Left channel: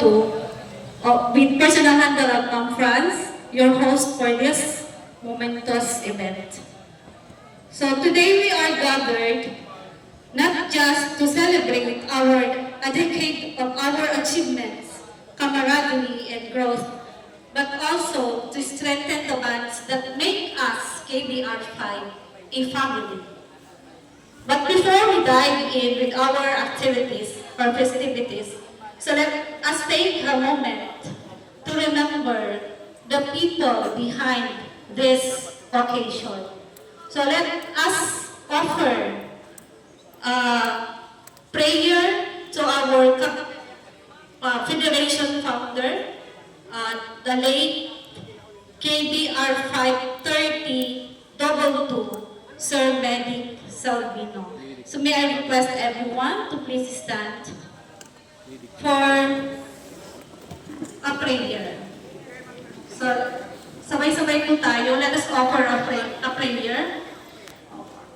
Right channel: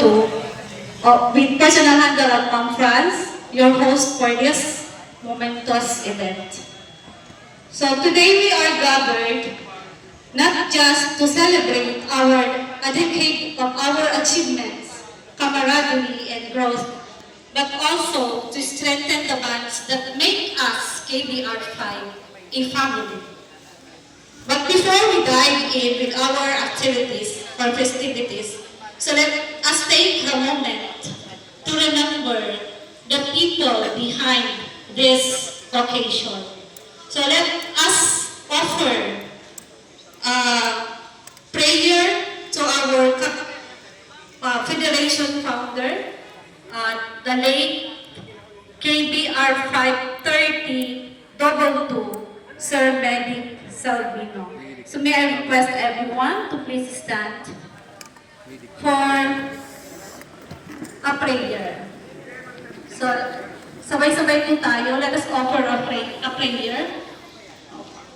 Amadou, with personal handle at Ma'am Franz, your host for this momentous event. So today we are gathered not just to celebrate a decade of our achievements, camaraderie, and growth, but also to strengthen the bonds that make us KBR5 a family. But before we dive in with our activities or festivities, so let us take a moment to remember the people behind this occasion. So let us offer prayer to our Federation founder, the late KBR 53022, Sir Benedict Salvino. So may I request everyone to please stand for a prayer. So sabay-sabay po tayo, let us offer a prayer.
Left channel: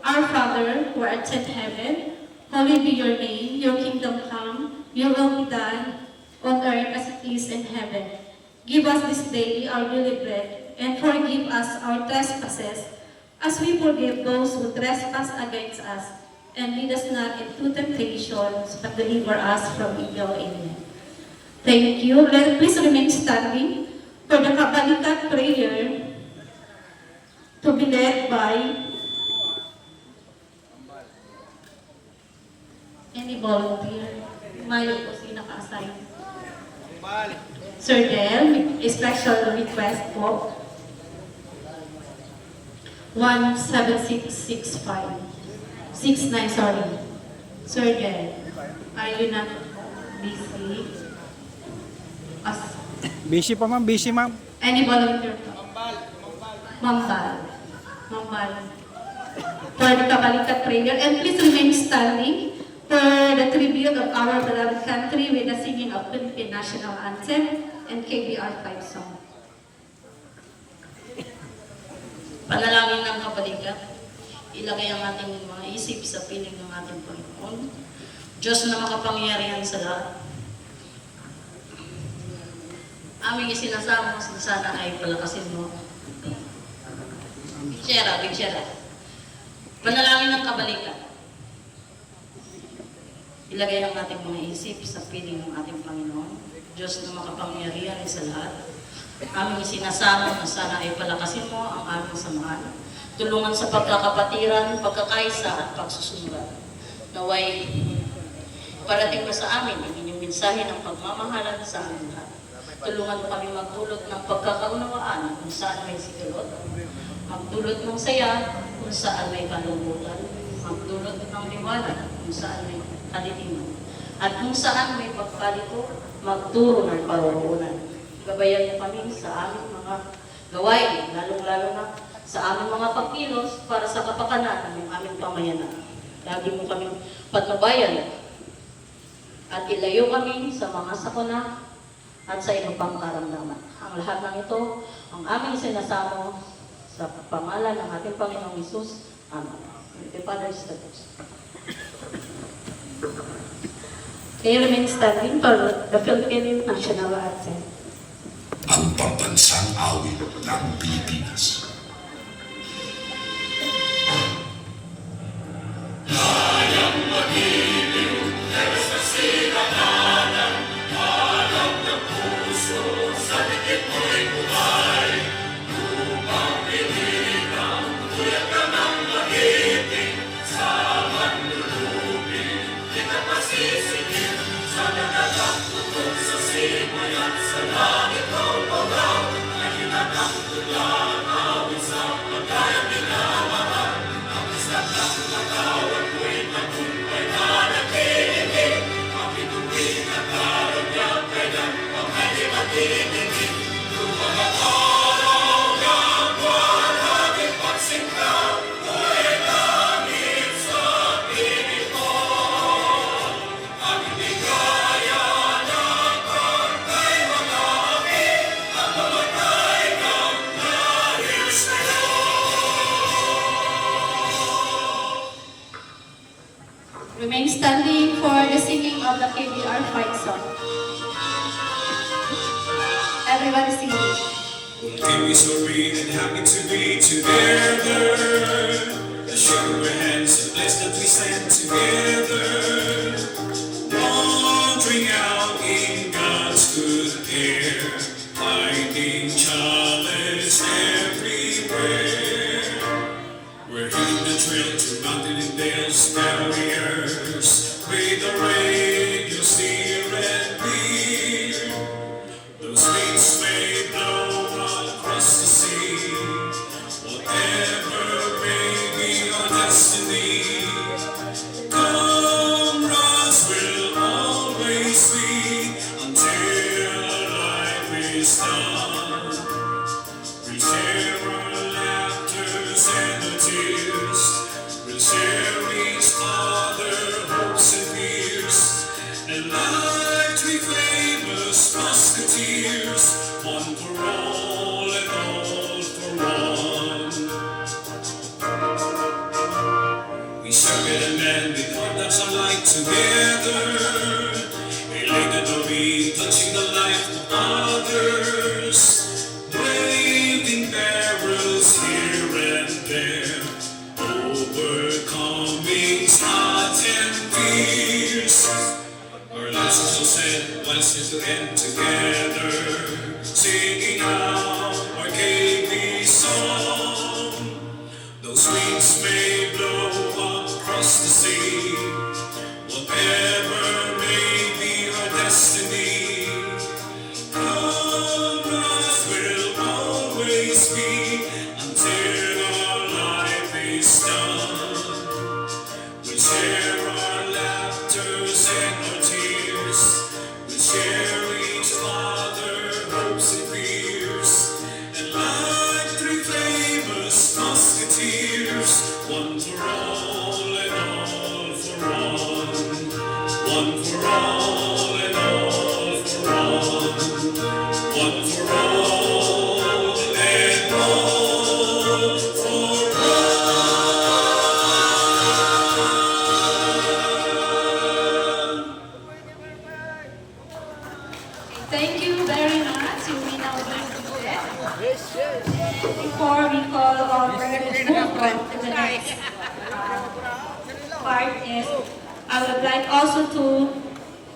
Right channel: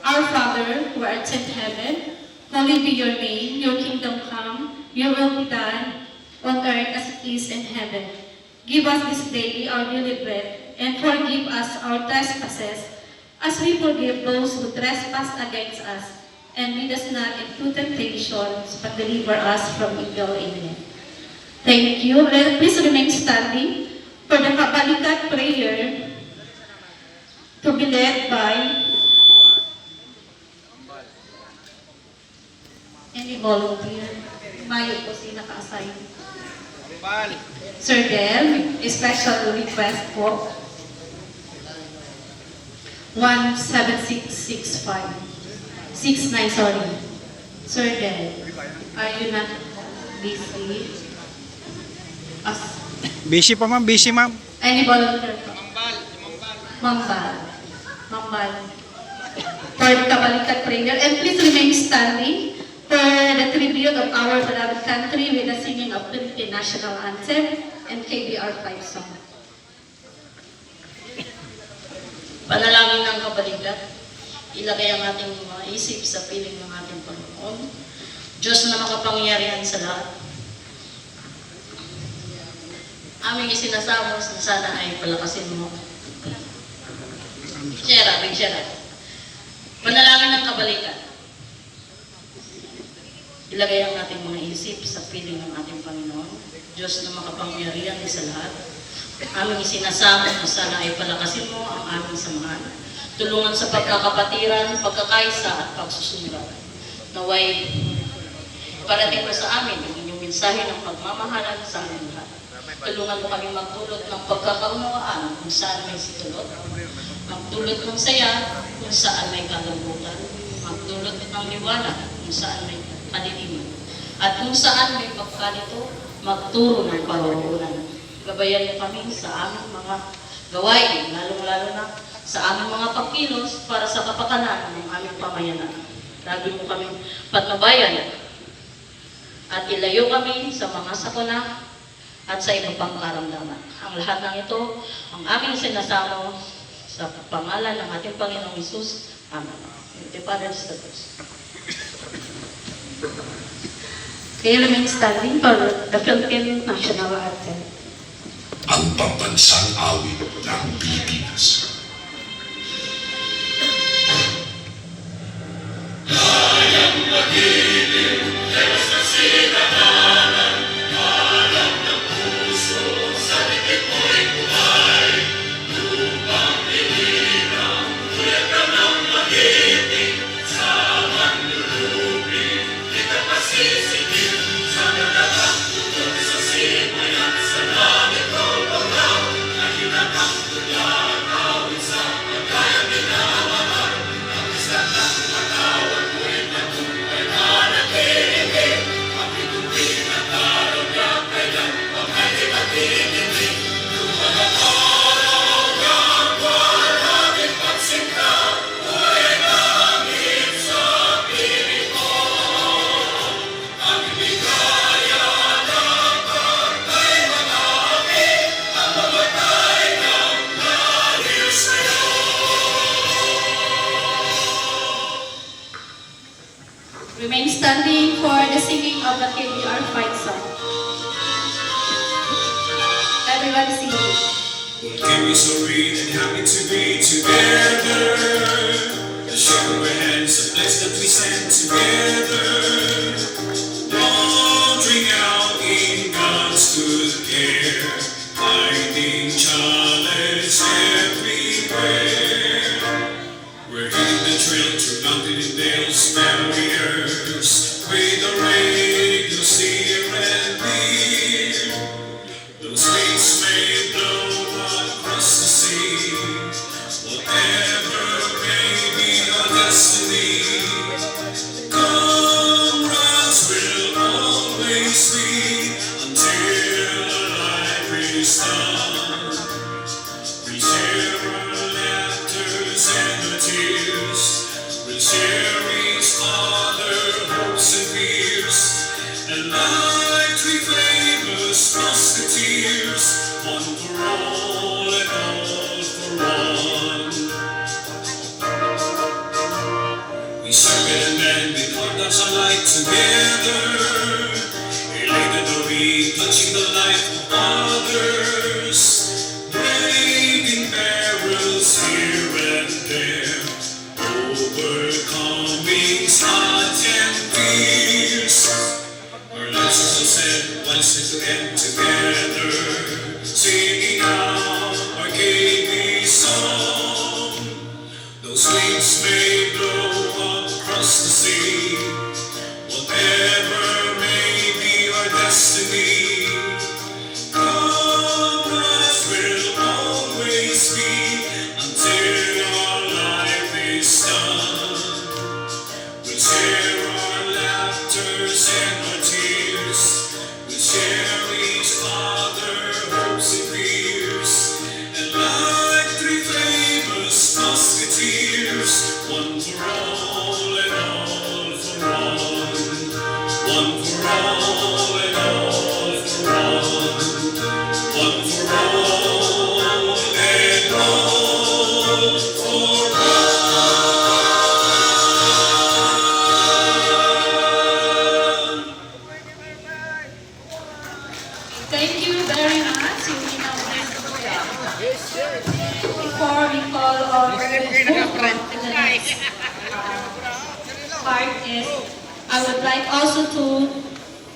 Our Father, who art in heaven, hallowed be your name, your kingdom come, your will be done, on earth as it is in heaven. Give us this day our daily bread, and forgive us our trespasses, as we forgive those who trespass against us. And lead us not into temptation, but deliver us from evil. Amen. Thank you. Please remain standing for the Kabalikat prayer to be led by any volunteer. Mayo po si naka-assign. Sir Del, a special request po. 17665. 69, sorry. Sir Del, are you not busy? Busy pa ma'am, busy ma'am. Any volunteer po? Mambal. For the Kabalikat prayer. And please remain standing for the tribute of our beloved country with the singing of Philippine National Anthem and KBR 5 song. Panalangin ng kabalikat, ilagay ang ating mga isip sa piling ng ating Panginoon. Diyos na makapangyarihan sa lahat. Aming isinasamos na sana ay palakasin mo. Big share. Panalangin ng kabalikat. Ilagay ang ating mga isip sa piling ng ating Panginoon. Diyos na makapangyarihan sa lahat. Aming isinasamo na sana ay palakasin mo ang aming samahan. Tulungan sa pagkakapatiran, pagkakaisa at pagsusunod. Naway parating mo sa amin ang inyong mensahe ng pagmamahalan sa aming lahat. Tulungan mo kami magdulot ng pagkakaunawaan kung saan may sikilot. Magdulot ng saya kung saan may kalambutan. Magdulot ng liwanag kung saan may kaliliman. At kung saan may pagkalito, magturo ng parurungan. Gabayan mo kami sa aming mga gawain, lalong-lalo na sa aming mga pagkilos para sa kapakanan ng aming pamayanan. Lagi mo kami patnubayan at ilayo kami sa mga sakuna at sa ibang pang karamdaman. Ang lahat ng ito, ang aming sinasamo sa pangalan ng ating Panginoong Hesus. Amen. The Father is the First. Can you remain standing for the Philippine National Anthem? Ang pambansang awit ng Pilipinas. everybody sing. What can be so real and happy to be together? The shake of our hands, the place that we stand together. Wandering out in God's good care, finding challenge everywhere. We're hitting the trail to mountain and dales, barriers, with the radio here and near. Those winds may blow across the sea, whatever may be our destiny. Comrades will always be until our life is done. We'll share our laughters and our tears. We'll share each other hopes and fears. And like three famous musketeers, one for all and all for one. We serve it and then we thought that's our life together. Elated to be touching the life of others. Breaking barrels here and there. Overcoming odds and fears. Our lives are so sad, while still to end together. Singing out our KB song. Those winds may blow across the sea, whatever may be our destiny. Comrades will always be until our life is done. We'll share our laughters and our tears. We'll share each other hopes and fears. And like three famous musketeers, one for all and all for one. One for all and all for one. One for all and all for Thank you very much. You may now dismiss. Before we call our move on to the next part is, I would like also to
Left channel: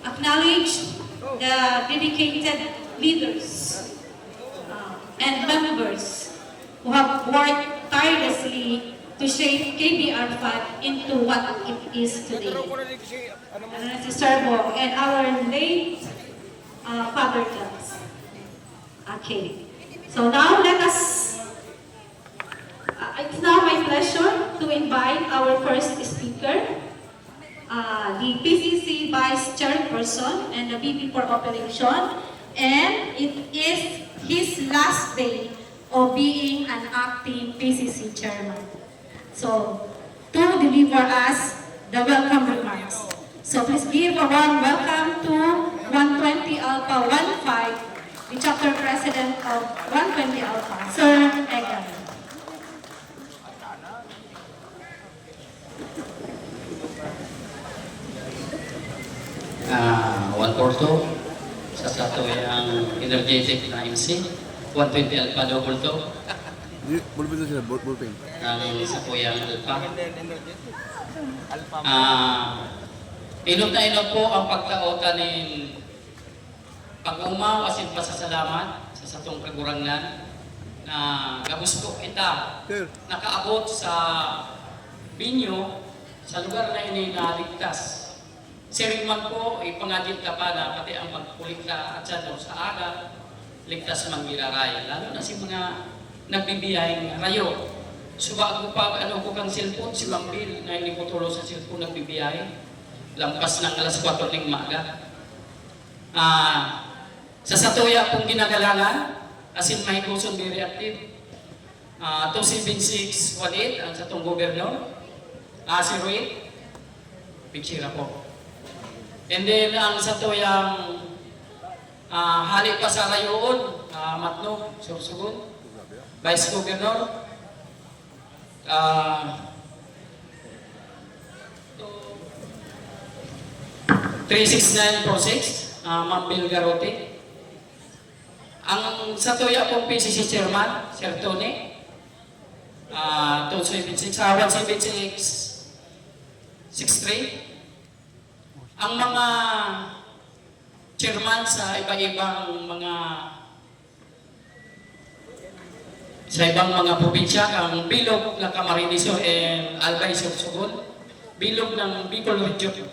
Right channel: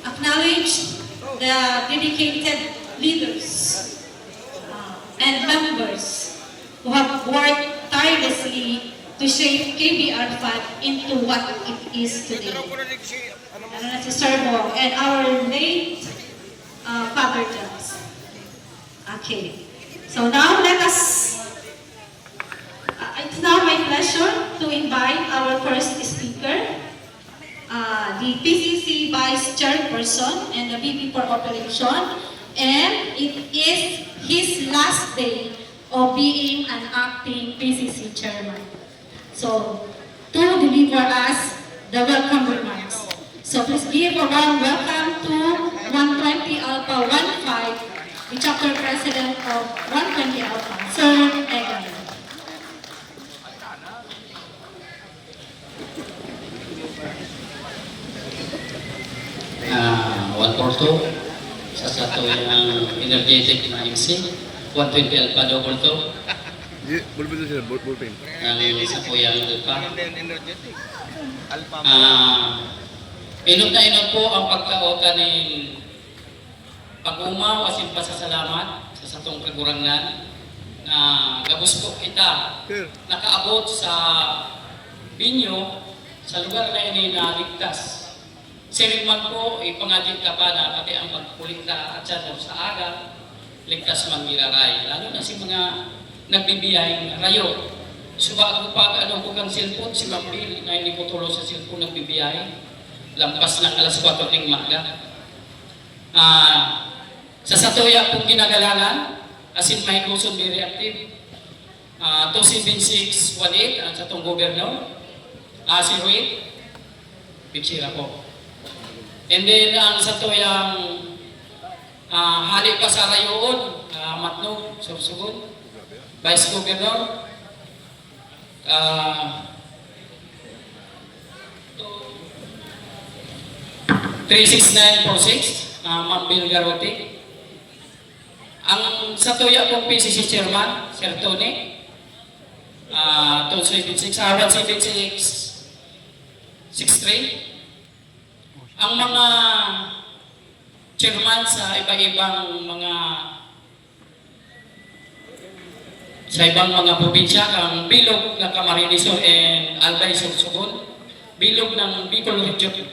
acknowledge the dedicated leaders and members who have worked tirelessly to shape KBR-FAT into what it is today. Si Sir Bo and our late Father Jones. Okay. So now let us, it's now my pleasure to invite our first speaker, the PCC Vice Chairperson and the VP for Operation, and it is his last day of being an acting PCC Chairman. So, to deliver us the welcome remarks. So please give a warm welcome to 120 Alpha 15, the chapter president of 120 Alpha, Sir Egan. One Porto, sa yung energetic na MC, 120 Alpha Double to, ang sa yung Alpha. Inot na inot po ang pagkaota ng pag-umaw asin pasasalamat sa satong kagurangan na gabos ko kita nakaabot sa binyo sa lugar na ini na ligtas. Siring man po, ipangadin ka pa na pati ang pagpulit ka at sa aga, ligtas man giraray. Lalo na si mga nagbibiyahing rayo. Suba ako pa, ano ko kang cellphone, si Mambil, na hindi ko tulo sa cellphone nagbibiyahe. Lampas ng alas 4 ng maga. Sa Satoya pong ginagalangan, asin may Luzon very active. 27618, ang satong gobernador. Si Ruit, Pichira po. And then ang Satoyang hali pa sa Rayoon, Matnog, Sursugun, Vice Governor, 36946, Ma'am Bill Garote. Ang sa tuya pong PCC Chairman, Sir Tony, 276, 17663. Ang mga chairman sa iba-ibang mga probinsya, ang bilog ng Camarines Sur and Albay Sorsogon, bilog ng Bicol Region.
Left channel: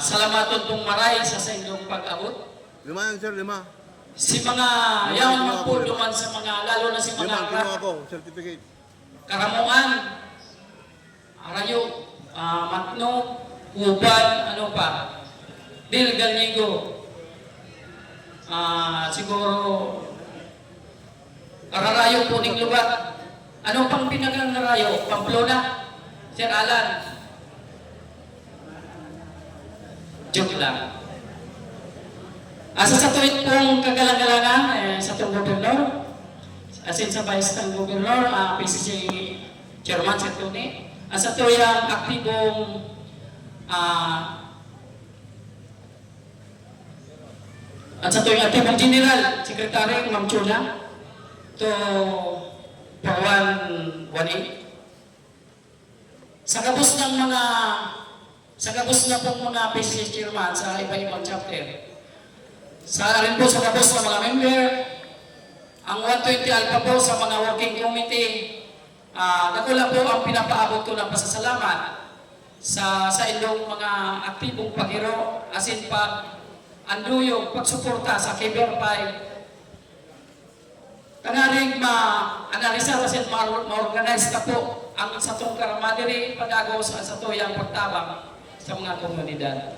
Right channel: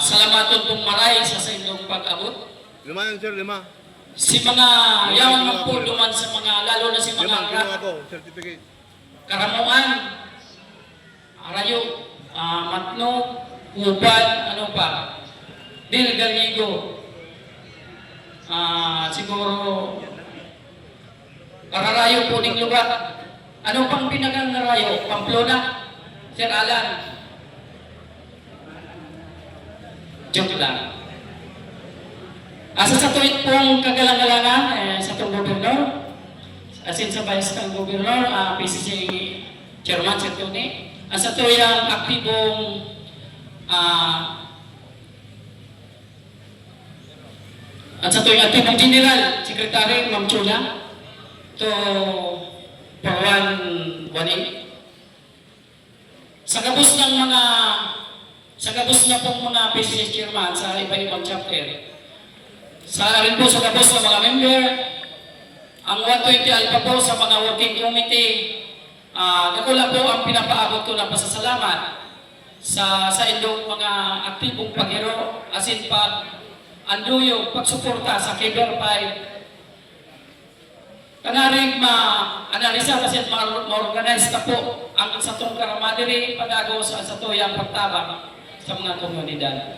Salamaton pong maray sa inyong pag-abot. 5 yan, sir, 5. Si mga yawan man po duman sa mga, lalo na si 5, mga kinuha ko, certificate. Karamuan, Arayo, Matno, Uban, ano pa, Del Gallego, siguro, Ararayo po ning lugar. Ano pang pinagang Arayo? Pamplona, Sir Alan. Joke lang. Sa tuwid pong kagalang-galangan, sa itong gobernador, asin sa vice ng gobernador, PCC Chairman Sir Tony, sa tuyang aktibong at sa tuyang aktibong General Secretary Ma'am Chula, to Pawan Wani. Sa gabos na pong mga PCC Chairman sa iba-ibang chapter, sa rin po sa gabos ng mga member, ang 120 Alpha po sa mga working committee, nakula po ang pinapaabot ko ng pasasalamat sa inyong mga aktibong paghiro, asin anduyog, pagsuporta sa Kibler 5. Kanaring ma-analisa kasi ma-organize na po ang sa itong karamadiri pag-agaw sa tuyang pagtabang sa mga komunidad.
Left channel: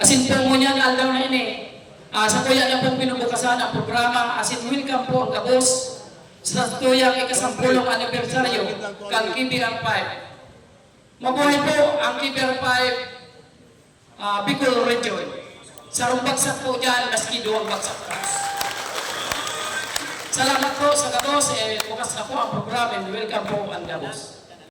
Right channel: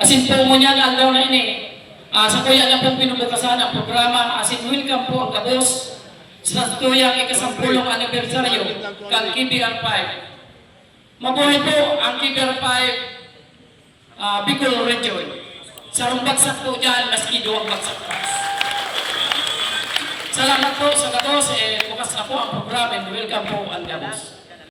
Asin po mo niyan, aldaw na ini, sa tuya na pong pinubukasan ang programa, asin welcome po ang gabos sa tuyang ikasampulong anibersaryo kang KBR 5. Mabuhay po ang KBR 5 Bicol Region. Sarong bagsak po dyan, maski 2 bagsak pa. Salamat po sa gabos, bukas na po ang programa and welcome po ang gabos.